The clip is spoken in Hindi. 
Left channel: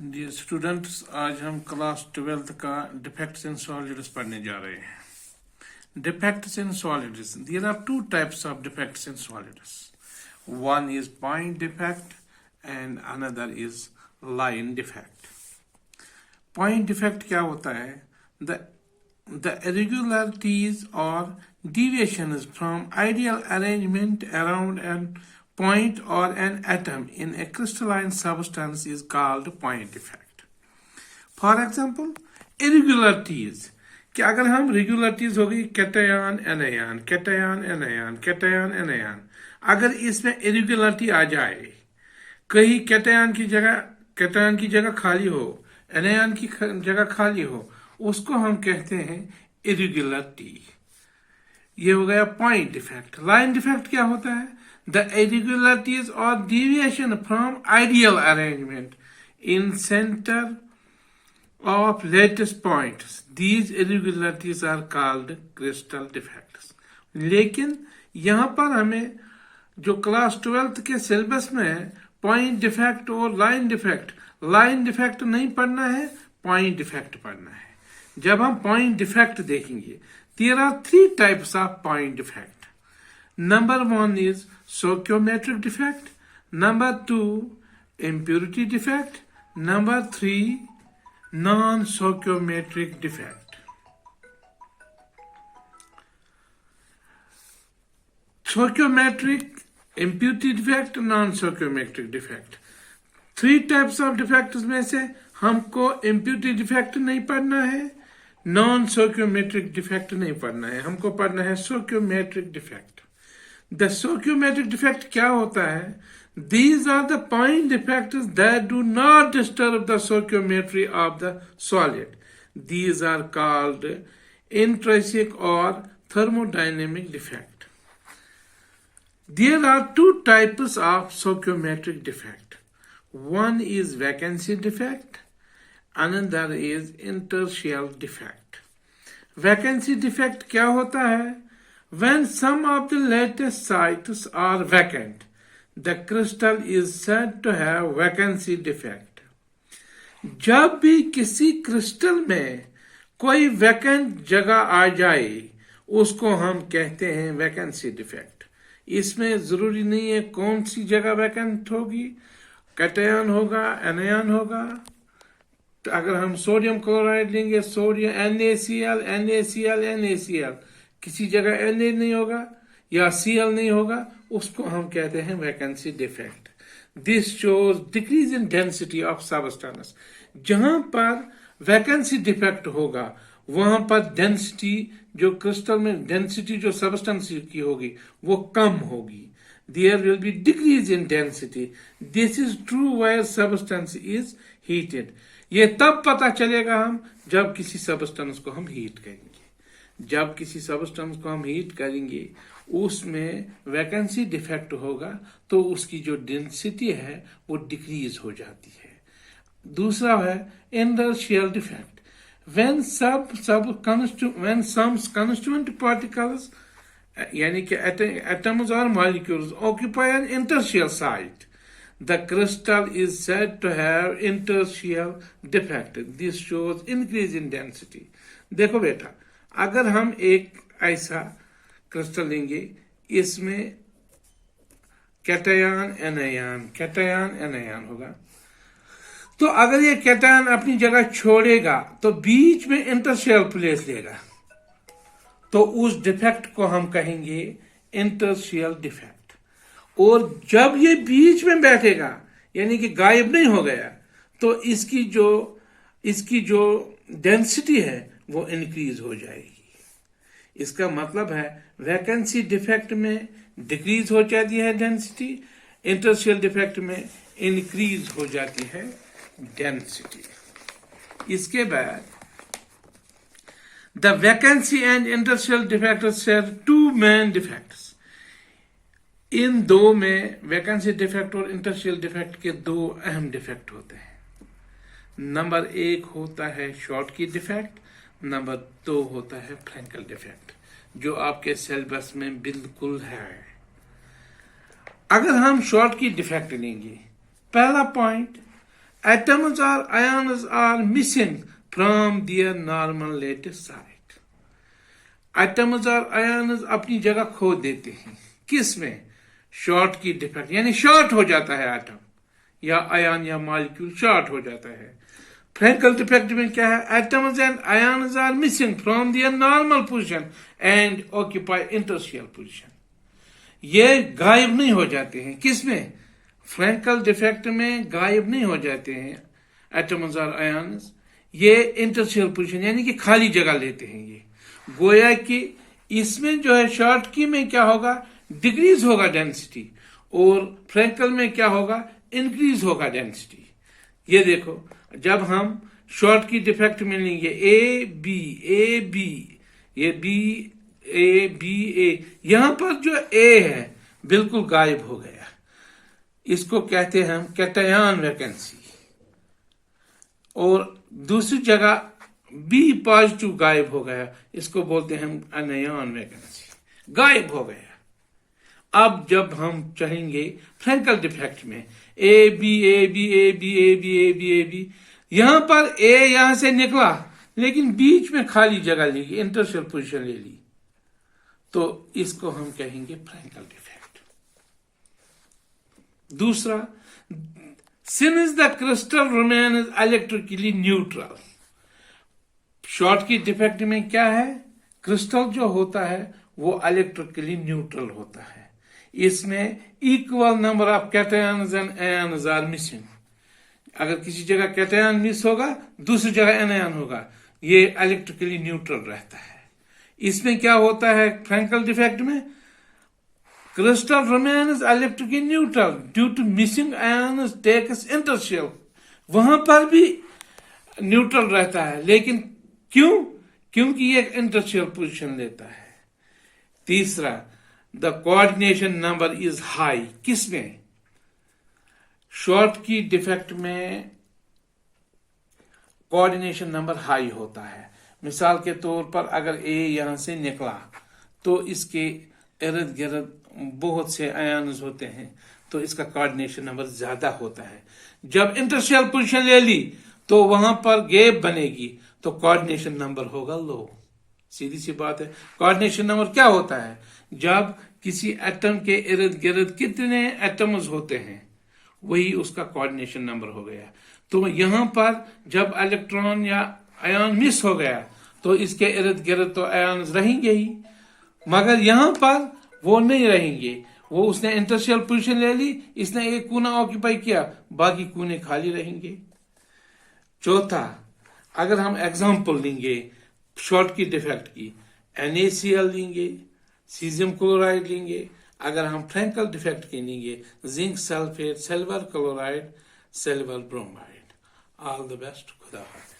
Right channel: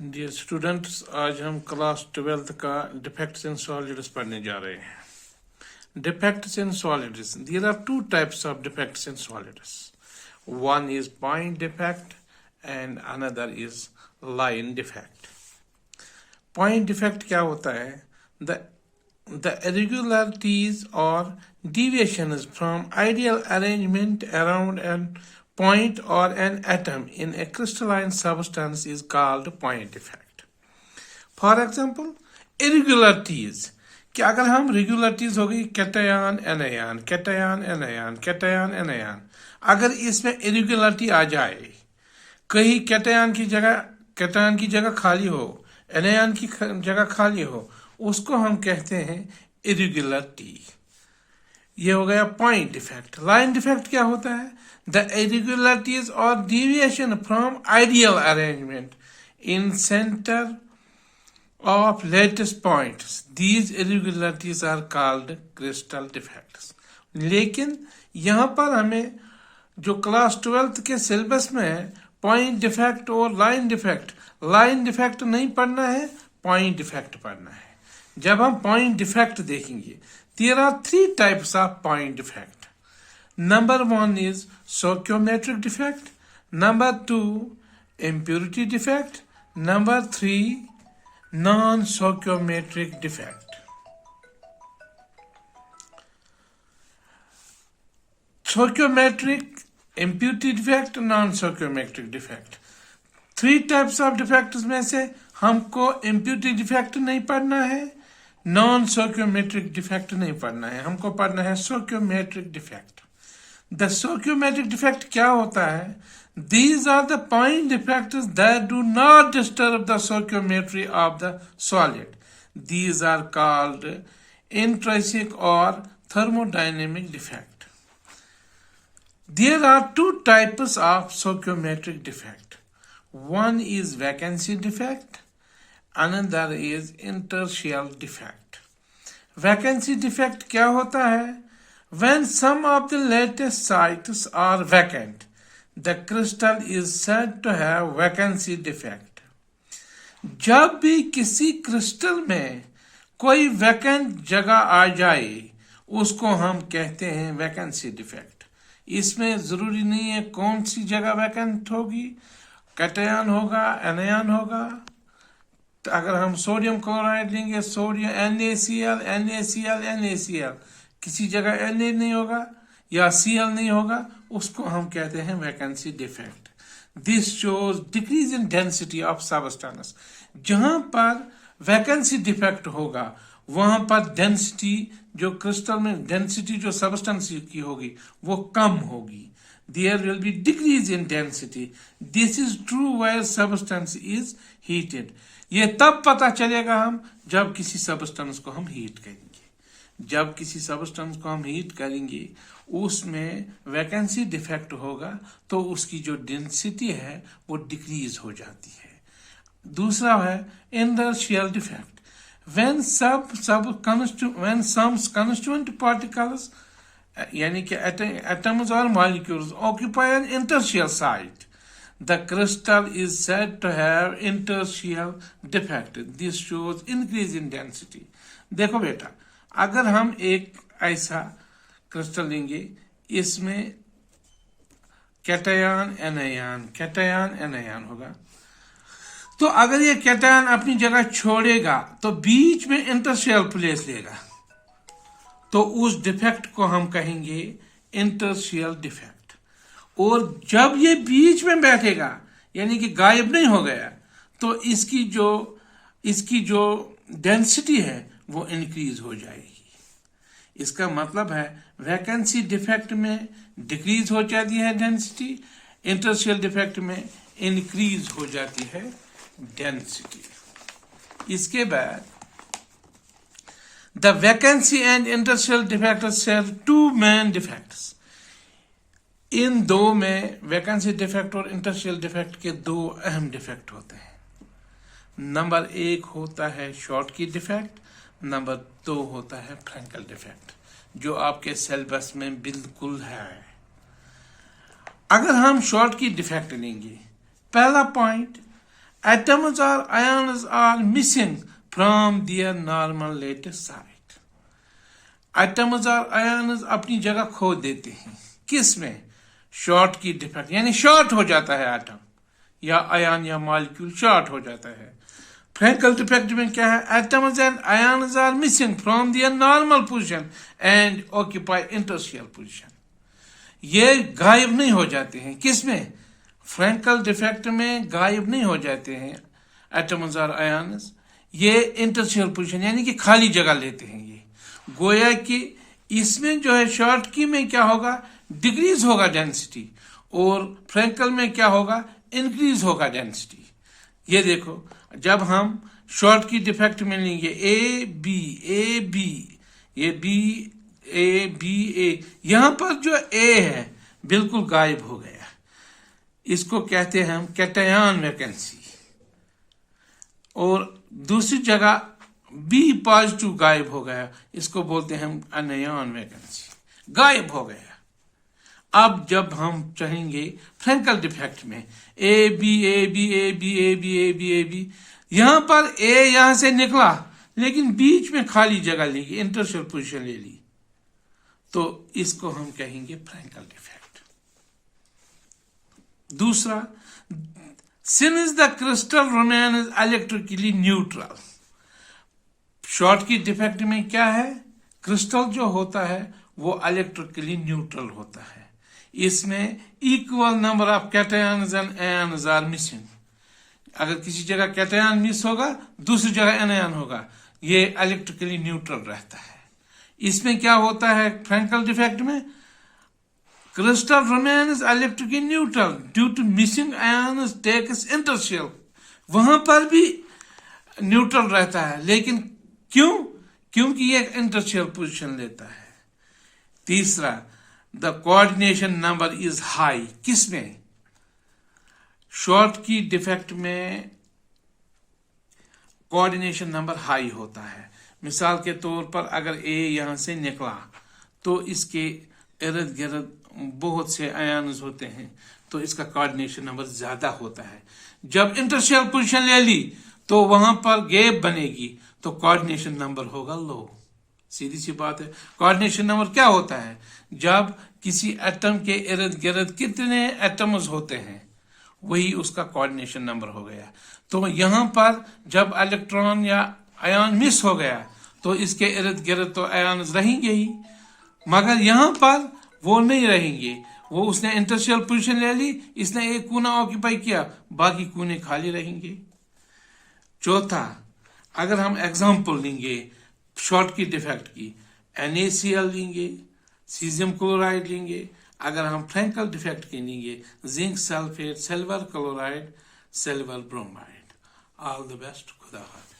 डियर स्टूडेंट्स, आज हम क्लास 12th का डिफेक्ट्स इन सॉलिड्स पढ़ने जा रहे हैं। Defects in solids, there are two types of defects in solids. One is point defect and another is line defect. Point defect क्या होता है? The irregularities or deviations from ideal arrangement around an point or an atom in a crystalline substance is called point defect. For example, irregularities कि अगर हम regularities होगी cation anion cation anion cation anion, अगर इसमें irregularity आ जाए, कहीं कैटायन की जगह खाली हो, एनायन की जगह खाली हो, उसको हम कहते हैं irregularity। ये हो गया पॉइंट डिफेक्ट। लाइन डिफेक्ट क्या होता है? The irregularities or deviation from ideal arrangement in center of lattice points, these irregularities are called crystal defects। लेकिन यहाँ पर हमें जो क्लास 12th के सिलेबस में है, पॉइंट डिफेक्ट और लाइन डिफेक्ट नहीं पढ़ना है, पॉइंट डिफेक्ट पढ़ना है। जब हम पॉइंट डिफेक्ट देखेंगे, there are three types of point defect. Number one is stoichiometric defect. Number two, impurity defect. Number three, non-stoichiometric defect. Stoichiometric, impurity defect, non-stoichiometric defect. Three types of defects में से हमको impurity defect नहीं पढ़ना है, नॉन stoichiometric डिफेक्ट नहीं पढ़ना है, हमको पढ़ना है stoichiometric defect. The stoichiometric defect क्या होता है? These are the point defects that do not disturb the stoichiometry of the solid. These are called intrinsic or thermodynamic defect. There are two types of stoichiometric defect. One is vacancy defect, another is interstitial defect. Vacancy defect क्या होता है? When some of the lattice sites are vacant, the crystal is said to have vacancy defect. जब भी किसी क्रिस्टल में कोई वैकेंट जगह आ जाए, उसको हम कहते हैं वैकेंसी डिफेक्ट। इसमें जरूरी नहीं है कौन सी जगह वैकेंट होगी, कैटायन होगा, एनायन होगा। तो अगर हम सोडियम क्लोराइड लेंगे, सोडियम NaCl, किसी जगह Na नहीं होगा या Cl नहीं होगा, उसको हम कहते हैं vacancy defect. This shows decrease in density of substance. जहां पर वैकेंसी डिफेक्ट होगा, वहां पर डेंसिटी, जो क्रिस्टल में डेंसिटी जो सबस्टेंस की होगी, वो कम होगी। There will be decrease in density. This is true where substance is heated. ये तब पता चलेगा हम जब किसी सबस्टेंस को हम हीट करेंगे। जब किसी सबस्टेंस को हम हीट करेंगे, उसमें वैकेंसी डिफेक्ट होगा, तो उसकी जो डेंसिटी है वो डिक्रीज हो जाती है। दूसरा है interstitial defect. When some constituent particles, यानी कि atoms or molecules occupy an interstitial site, the crystal is said to have interstitial defect. This shows increase in density. देखो बेटा, अगर हम एक ऐसा क्रिस्टल लेंगे, इसमें कैटायन एनायन होगा, तो अगर ये कैटायन अपनी जगह छोड़ेगा तो बीच में इंटरस्टिशियल प्लेस लेगा, तो उस डिफेक्ट को हम कहेंगे इंटरस्टिशियल डिफेक्ट। और जब ये बीच में बैठेगा, यानी कि गायब नहीं हो गया, तो इसकी जो डेंसिटी है वो इंक्रीज हो जाएगी। इसका मतलब है वैकेंसी डिफेक्ट में डिक्रीज हो जाती है डेंसिटी, इंटरस्टिशियल डिफेक्ट में इंक्रीज हो जाती है डेंसिटी। इसके बाद The vacancy and interstitial defects serve two main defects. इन दो में वैकेंसी डिफेक्ट और इंटरस्टिशियल डिफेक्ट के दो अहम डिफेक्ट होते हैं। नंबर एक होता है शॉर्ट की डिफेक्ट, नंबर दो होता है फ्रैंकल डिफेक्ट, जो आपके सिलेबस में बिल्कुल है। अगर हम शॉर्ट की डिफेक्ट लेंगे पहला point, atoms or ions are missing from their normal lattice site. Atoms और ions अपनी जगह खो देते हैं, किस में? शॉर्ट की डिफेक्ट, यानी शॉर्ट हो जाता है एटम या आयन या मॉलिक्यूल शॉर्ट हो जाता है। फ्रैंकल डिफेक्ट में क्या है? Atoms and ions are missing from their normal position and occupy interstitial position. ये गायब नहीं हो जाते हैं, किसमें? फ्रैंकल डिफेक्ट में गायब नहीं हो जाते हैं एटम्स और आयन्स, ये इंटरस्टिशियल पोजीशन यानी कि खाली जगह लेते हैं। ये गोया कि इसमें जो है शॉर्ट की में क्या होगा? डिक्रीज होगा डेंसिटी, और फ्रैंकल में क्या होगा? इंक्रीज होगा डेंसिटी। ये देखो, जब हम शॉर्ट की डिफेक्ट में लेंगे ए बी, ये बी ए, यहां पर जो ए है बिल्कुल गायब हो गया, इसको कहते हैं हम कैटायन वैकेंसी। और दूसरी जगह बी पॉजिटिव गायब हो गया, इसको बोलते हैं हम अनयन वैकेंसी, गायब हो गया। अब जब हम चाहेंगे फ्रैंकल डिफेक्ट में ए बी, यहां पर ए यहां से निकला लेकिन बीच में खाली जगह ली, इंटरस्टिशियल पोजीशन ले ली, तो इसको हम कहेंगे फ्रैंकल डिफेक्ट। दूसरा, since the crystal remains electrically neutral. Short की डिफेक्ट में क्या है? क्रिस्टल जो होता है वो इलेक्ट्रिकली न्यूट्रल होता है, इसमें equal number of cations and ions are missing. अगर किसी जगह कैटायन मिस होगा, दूसरी जगह एनायन होगा, ये इलेक्ट्रिकली न्यूट्रल रहता है। इसमें क्या होता है? फ्रैंकल डिफेक्ट में crystal remains electrically neutral due to missing ions takes interstitial, वहां पर भी न्यूट्रल रहता है, लेकिन क्यों? क्योंकि ये इंटरस्टिशियल पोजीशन लेता है। तीसरा, the coordination number is high. किसमें? शॉर्ट की डिफेक्ट में कोऑर्डिनेशन नंबर हाई होता है। मिसाल के तौर पर अगर ए यहां से निकला तो इसके इर्द गिर्द बहुत से आयन्स होते हैं, तो इसका कोऑर्डिनेशन नंबर ज्यादा होता है। जब इंटरस्टिशियल पोजीशन ले ली तो वहां पर गैप बनेगी, तो कोऑर्डिनेशन नंबर होगा लो। सीधी सी बात है। कोऑर्डिनेशन नंबर क्या होता है? जब किसी एटम के इर्द गिर्द कितने एटम्स होते हैं, वही उसका कोऑर्डिनेशन नंबर हो गया। तो यहां पर जब इलेक्ट्रॉन या आयन मिस हो गया तो इसके इर्द गिर्द तो आयन रहेंगे ही, मगर यहां पर वो नहीं रहेंगे। वो उसने इंटरस्टिशियल पोजीशन ले ली, इसने एक कोना ऑक्यूपाई किया, बाकी कोने खाली रहेंगे। चौथा, अगर हम एग्जांपल लेंगे शॉर्ट की डिफेक्ट की, NaCl लेंगे, सीजियम क्लोराइड लेंगे। अगर हम फ्रैंकल डिफेक्ट के लेंगे zinc sulphate, silver chloride, silver bromide. All the best. खुदा हाफिज़।